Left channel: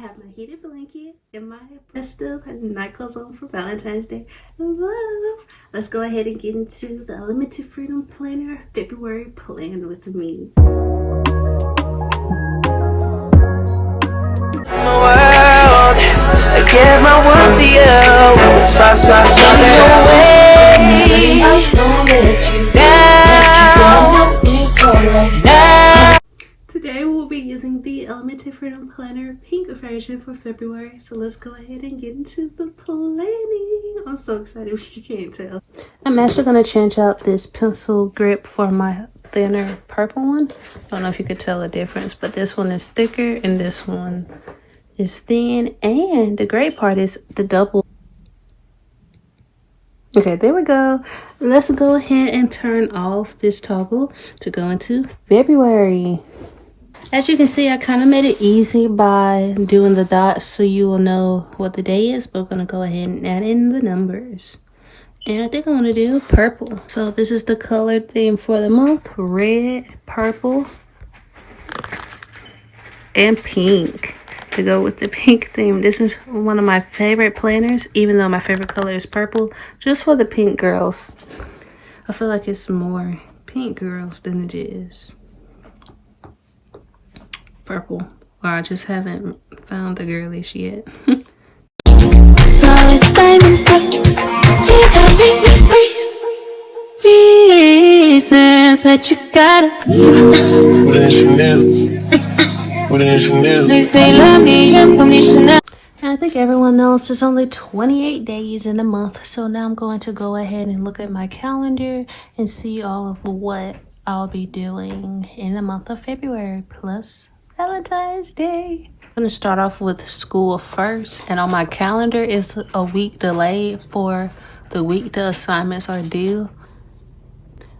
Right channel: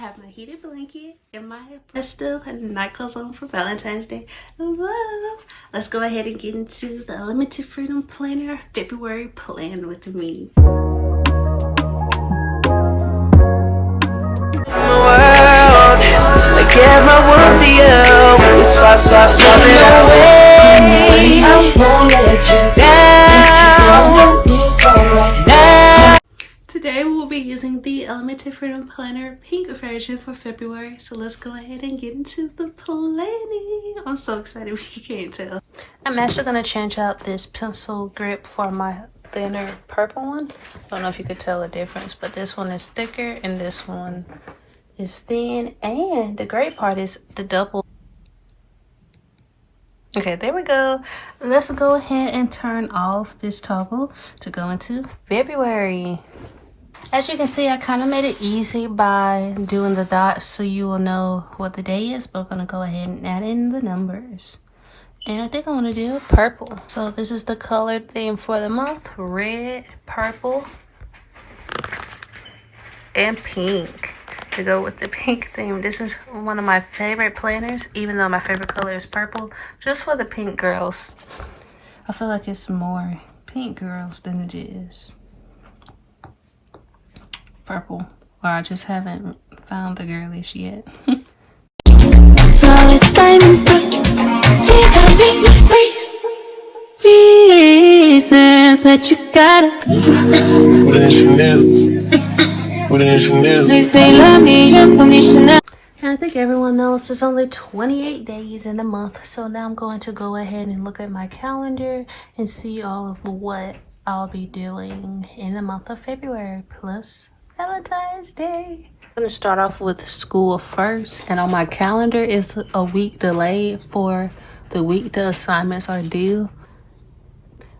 have my heated blanket and my festive night clothes on for Valentine's Day. Love. Let's go ahead and get into the Limited Freedom Planner February plan with me. Today we'll be using the Limited Freedom Planner pink version for February. So let's go ahead and get into the planning. I'm so excited if you can't tell. I'm actually going to change out this pencil grip for my thinner purple one. I don't know if you could tell the difference, but this one is thicker and this one is thin. And the great part is the double. Okay, there we go. Let's go ahead and turn off this toggle to go into February. As you can see, I kind of made it easy by doing the dots so you will know what the day is, but we're going to go ahead and add in the numbers. And I think I want to do purple. So this is the color theme for the month: red, purple, and pink. To go with the pink theme. This is one of my favorite planners, even though my favorite color is purple, just for the pink girls. I feel like it's more pink girls than it is purple, or I just haven't found the girlish yet. Flawless diamond dust, you gotta make me freeze. Reasons that you gotta. What is Chanel? What is Chanel? They say love me, you put me Chanel. And I think everyone knows it's only 28 days in a month, so now I'm going to go ahead and look at my calendar and see all of what I'll be doing in the month of February, plus Valentine's Day. I'm going to start off with school first, and on my calendar is a week delayed for the week the assignments are due.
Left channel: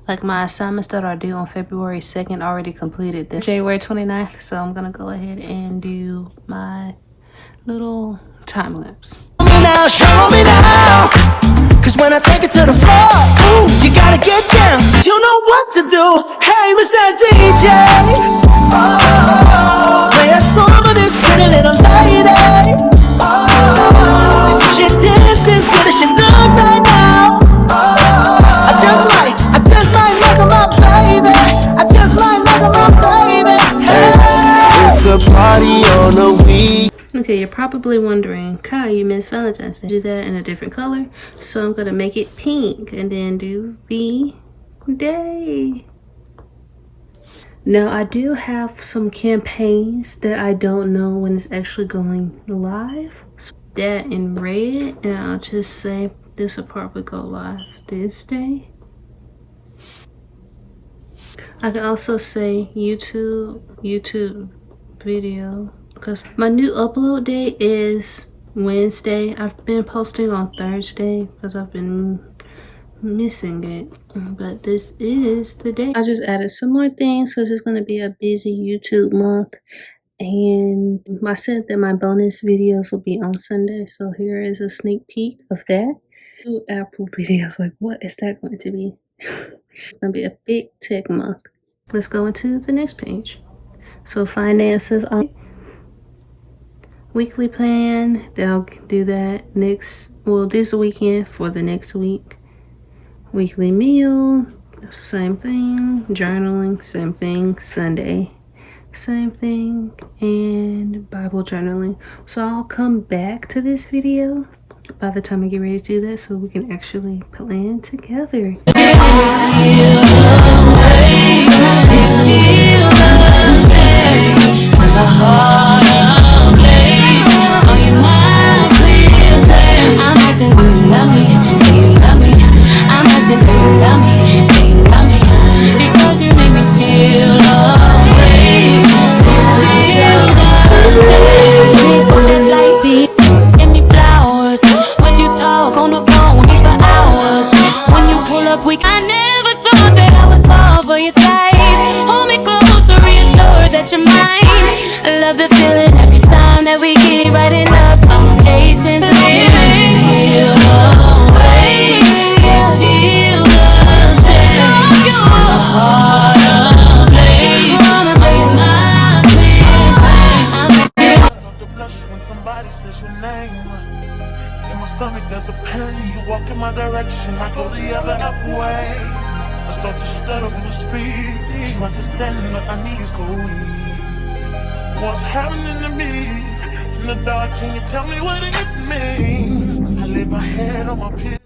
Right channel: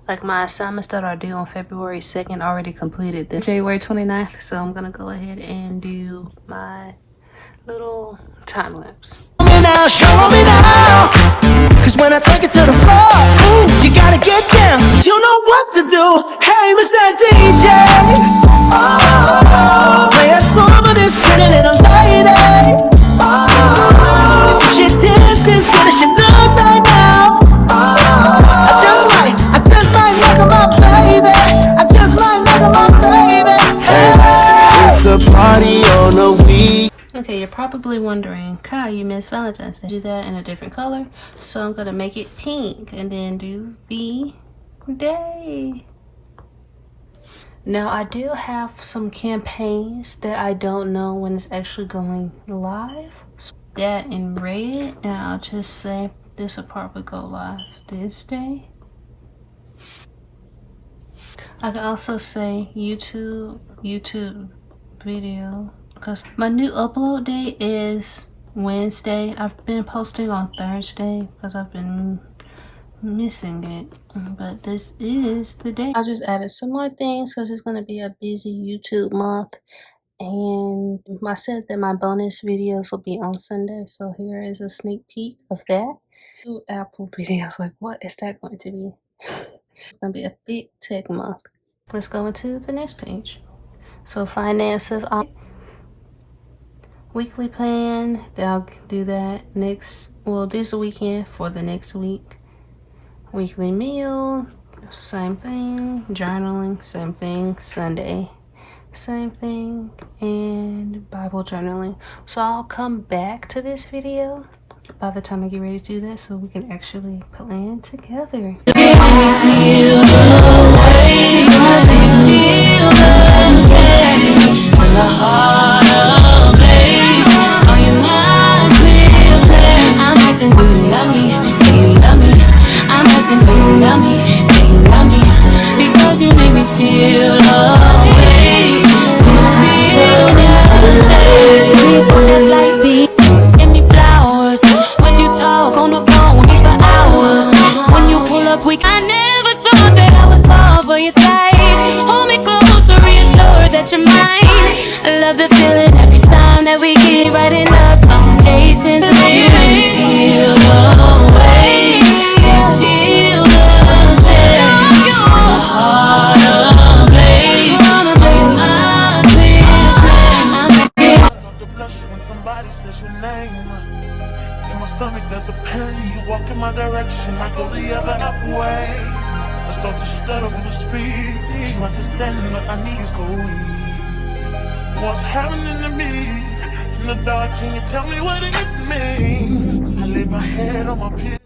Like my assignments that are due on February 2nd already completed this January 29th, so I'm going to go ahead and do my little time lapse. Show me now, cause when I take it to the floor, ooh, you gotta get down, you know what to do. Hey, Mr. DJ, play a song of this pretty little lady. She dances good as she look right now. I just might make her my baby. I just might make her my baby. Hey, it's a party on the week. Okay, you're probably wondering, Kai, you missed Valentine's Day. Do that in a different color. So I'm gonna make it pink and then do the day. Now I do have some campaigns that I don't know when it's actually going live. So that in red, and I'll just say this will probably go live this day. I can also say YouTube video, because my new upload day is Wednesday. I've been posting on Thursday because I've been missing it, but this is the day. I just added some more things because it's going to be a busy YouTube month, and I said that my bonus videos will be on Sunday, so here is a sneak peek of that. 2 Apple videos, like what is that going to be? It's going to be a big tech month. Let's go into the next page. So finances on weekly plan, I'll do that next, well, this weekend for the next week. Weekly meal, same thing. Journaling, same thing. Sunday, same thing. And Bible journaling. So I'll come back to this video by the time I get ready to do that, so we can actually plan together. Because you make me feel away. That light beam, send me flowers. When you talk on the phone with me for hours. When you pull up, I never thought that I would fall for your type. Hold me closer, reassure that you're mine. I love the when somebody says your name. In my stomach there's a pain. You walk in my direction, I go the other way. I start to stutter when I speak. Understanding what I need is go weak. What's happening to me? In the dark, can you tell me what it means? I lay my head on my pillow.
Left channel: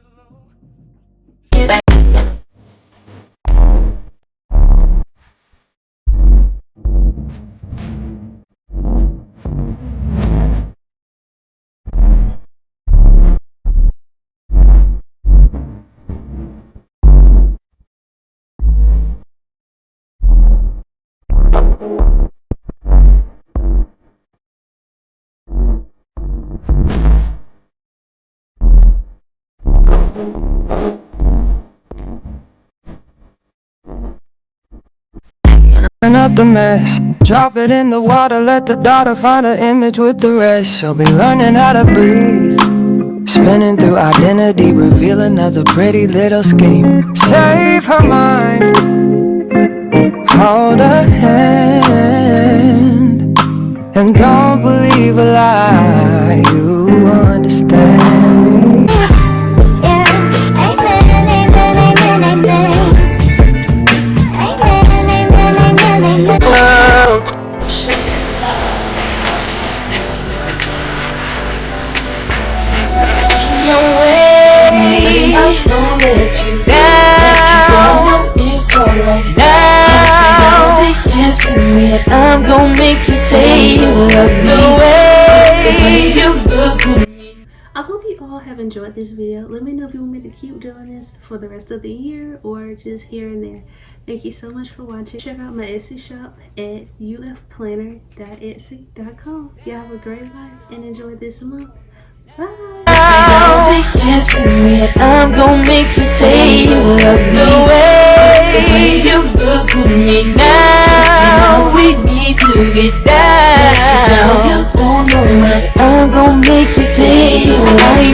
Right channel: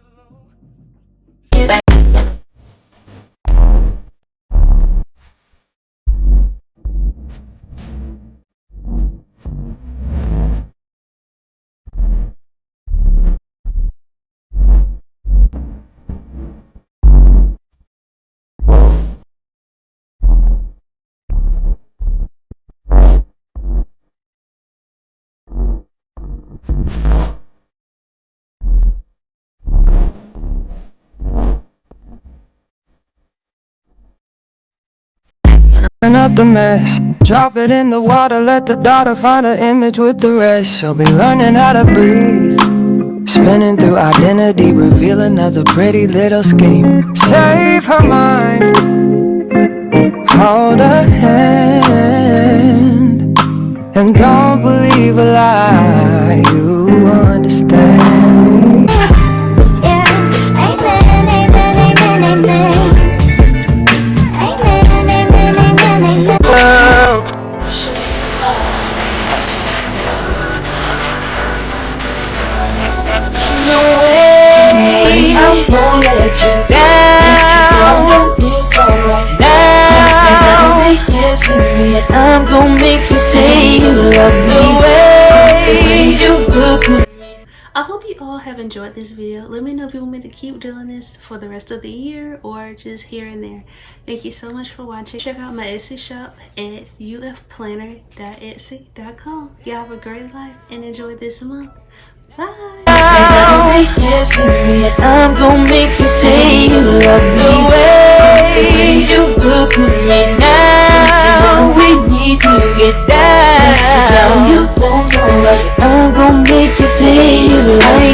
Clean up the mess, drop it in the water, let the daughter find her image with the rest. She'll be learning how to breathe, spinning through identity, reveal another pretty little scheme. Save her mind, hold her hand, and don't believe a lie, you understand me. I'm gonna make you say you love me the way you look at me. I hope you all have enjoyed this video. Let me know if you want me to keep doing this for the rest of the year or just here and there. Thank you so much for watching. Check out my Etsy shop at ufplanner.etsy.com. Y'all have a great life and enjoy this month. Bye. Say yes to me, I'm gonna make you say you love me the way you look at me now. We need to get down. You don't know what I'm gonna make you say you love me.